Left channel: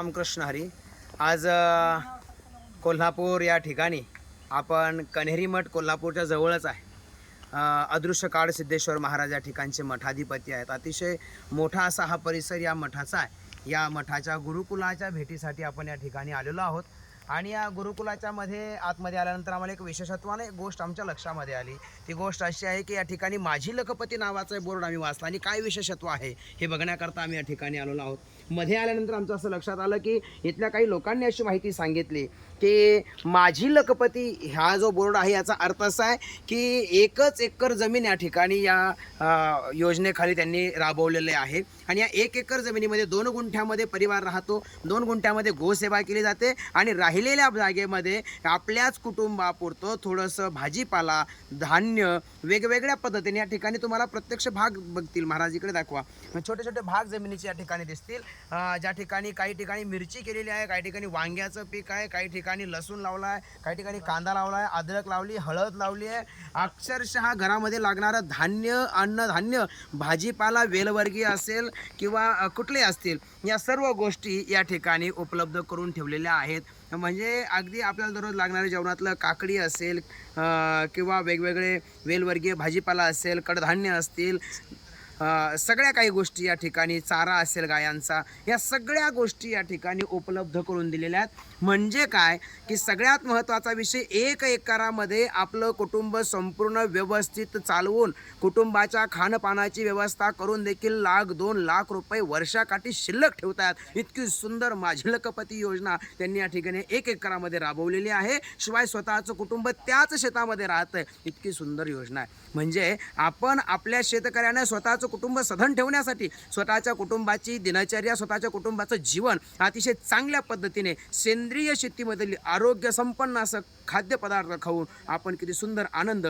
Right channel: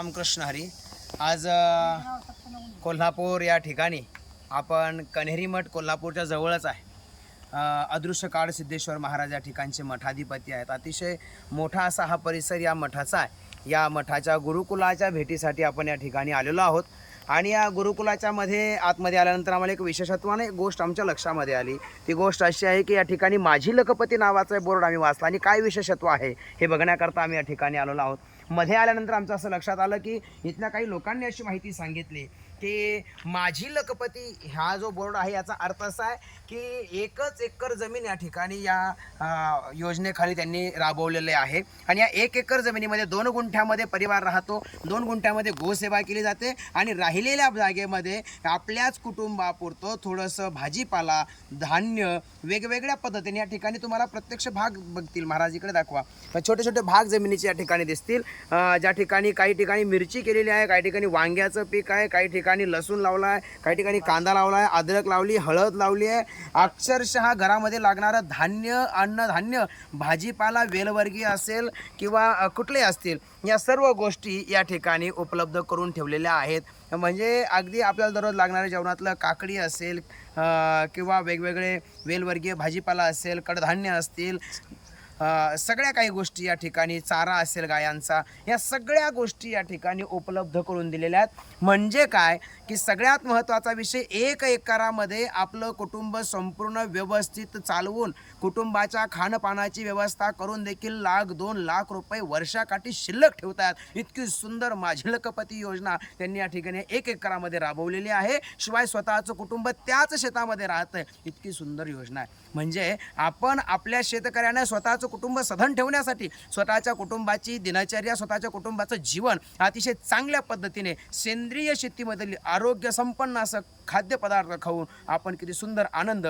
रामकृष्ण हरी. आज कोल्हापूर या ठिकाणी आपण कन्हेरी मठ कोल्हापूरच्या जवळच आहे. अदृश्य काळ सिद्धेश्वर महाराज या ठिकाणचे मठाधिपती आहेत. अतिशय मोठा असा हा परिसर या मठाचा आहे. या मठाच्या गुरुकुलाच्या भेटीसाठी आपण या ठिकाणी आलेलो आहोत. आणि या गुरुकुलाच्या मध्ये आतमध्ये आल्यानंतर आम्हाला एक विशेषत्वाने एक गोष्ट आमच्या लक्षामध्ये आली. ती गोष्ट अशी आहे की या ठिकाणी माझी लखपती नावाचा बोर्ड आम्ही वाचला. आणि काय विशेषत्व आहे हे बघण्याकरता आम्ही या ठिकाणी आलेलो आहोत. मध्ये आल्यानंतर आमचं असं लक्षात आलं की इथल्या काही लोकांनी अशी माहिती सांगितली. की माझी लखपती हा जो बोर्ड आहे याचा अर्थ असा आहे की एकच एकर जमीन या ठिकाणी या योजनेखाली त्यांनी राबवलेले आहे. आणि या एक एकर जमिनीमध्ये दोन गुंठ्यामध्ये परिवार राहतो दोन गुंठ्यामध्ये गोसेवा केली जाते आणि राहिलेल्या जागेमध्ये आपल्याच कुटुंबापुरतं थोडंसं भाजीपाला धान्य वेगवेगळ्या पद्धतीने या ठिकाणी तुम्हाला प्रत्यक्ष भाग बघतील. महाराज इकडे दाखवा. छोटे छोटे भाग जमिनीचे या ठिकाणी दिसतील. ज्या ठिकाणी काही ठिकाणी मिरची केलेली आहे काही ठिकाणी वांग्याचं पीक आहे काही ठिकाणी ठिकाणी लसूण लावला आहे काही ठिकाणी कांदा लावला आहे अद्रक लावली हळद लावली आहे. अक्षरशः घरामध्ये लागणारं धान्य अन्नधान्य भाजीपाला वेलवर्गीय असेल किंवा कुठले कुठलेही असतील या सर्व गोष्टी या ठिकाणी उपलब्ध करून ठेवलेल्या आहेत. म्हणजे अगदी आपल्याला दररोज लागणाऱ्या जेवणातलं काकडी असेल किंवा वेगवेगळे वेलवर्गीय भाजीपाला असेल कडधान्य असतील सगळ्या काही गोष्टी या ठिकाणी चारा असेल गायांचा या सगळ्या गोष्टी या ठिकाणी उपलब्ध करून दिलेल्या आहेत. म्हणजे काय? की सगळ्यात महत्त्वाचा विषय एक एकरामध्ये आपलं कुटुंब संपूर्ण व्यवस्थित चालवून कुटुंबाच्या खाणपानाची व्यवस्था करून देखील लाख दोन लाख रुपये वर्षाकाठी शिल्लक ठेवतात इतकी सुंदर माझी लखपती योजना त्यांनी या ठिकाणी एक एकरामध्ये राबवलेली आहे. शिवाय स्वतःचं कुटुंब त्याच शेतामध्ये राहतं इतकी सुंदर योजना आहे. म्हणजे आपण आपल्या शेतकऱ्यांना स्वतःचं कुटुंब सधन ठेवण्यासाठी स्वतःच्या कुटुंबाची दिनचर्या स्वतःच्या कुटुंबाचं जीवन अतिशय चांगल्या पद्धतीने सेंद्रिय शेतीमधील आरोग्य संपन्न असं खाद्यपदार्थ खाऊन आपण किती सुंदर आनंद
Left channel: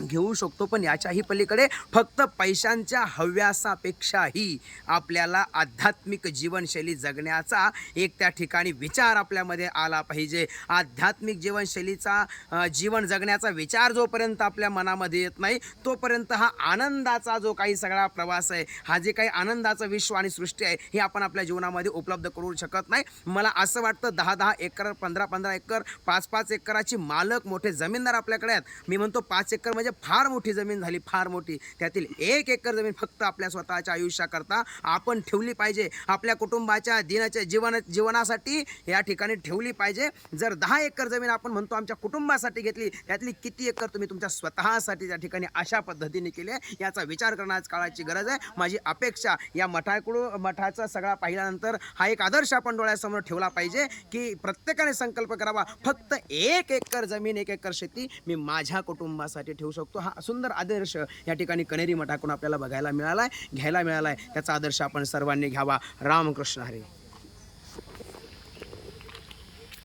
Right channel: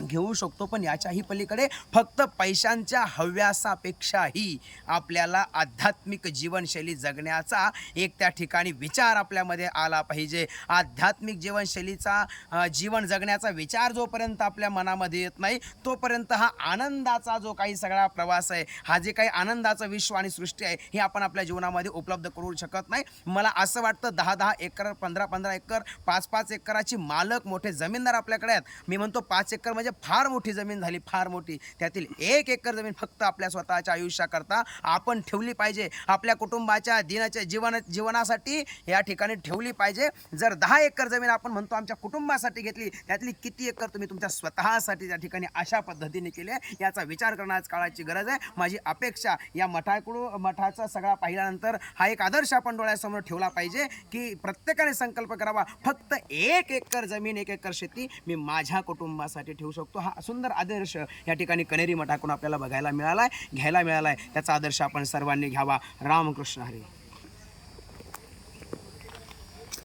घेऊ शकतो पण याच्याही पलीकडे फक्त पैशांच्या हव्यासापेक्षाही आपल्याला आध्यात्मिक जीवनशैली जगण्याचा एक त्या ठिकाणी विचार आपल्यामध्ये आला पाहिजे. आध्यात्मिक जीवनशैलीचा जीवन जगण्याचा विचार जोपर्यंत आपल्या मनामध्ये येत नाही तोपर्यंत हा आनंदाचा जो काही सगळा प्रवास आहे हा जे काही आनंदाचं विश्व आणि सृष्टी आहे हे आपण आपल्या जीवनामध्ये उपलब्ध करू शकत नाही. मला असं वाटतं दहा दहा एकर पंधरा पंधरा एकर पाच पाच एकराची मालक मोठे जमीनदार आपल्याकडे आहेत. मी म्हणतो पाच एकर म्हणजे म्हणजे फार मोठी जमीन झाली फार मोठी. त्यातील एक एकर जमीन फक्त आपल्या स्वतःच्या आयुष्याकरता आपण ठेवली पाहिजे. आपल्या कुटुंबाच्या दिनाच्या जीवन जीवनासाठी या ठिकाणी ठेवली पाहिजे. जर दहा एकर जमीन आपण म्हणतो आमच्या कुटुंबासाठी घेतली त्यातली किती एकर तुम्ही तुमच्या स्वतःसाठी त्या ठिकाणी अशा पद्धतीने केली आहे याचा विचार करण्याच काळाची गरज आहे. माझी अपेक्षा या मठाकडून मठाचा सगळा पाहिल्यानंतर हा एक आदर्श आपण डोळ्यासमोर ठेवला पाहिजे की प्रत्येकाने संकल्प करावा. फक्त एक एकर जमीन एक एकर शेती मी माझ्या कुटुंबासाठी ठेवू शकतो. हा सुंदर आदर्श या ठिकाणी कनेरी मठाकडून आपल्याला बघायला मिळाला आहे घ्यायला मिळाला आहे त्याचा आदर्श आपण सर्वांनी घ्यावा. रामकृष्ण हरी.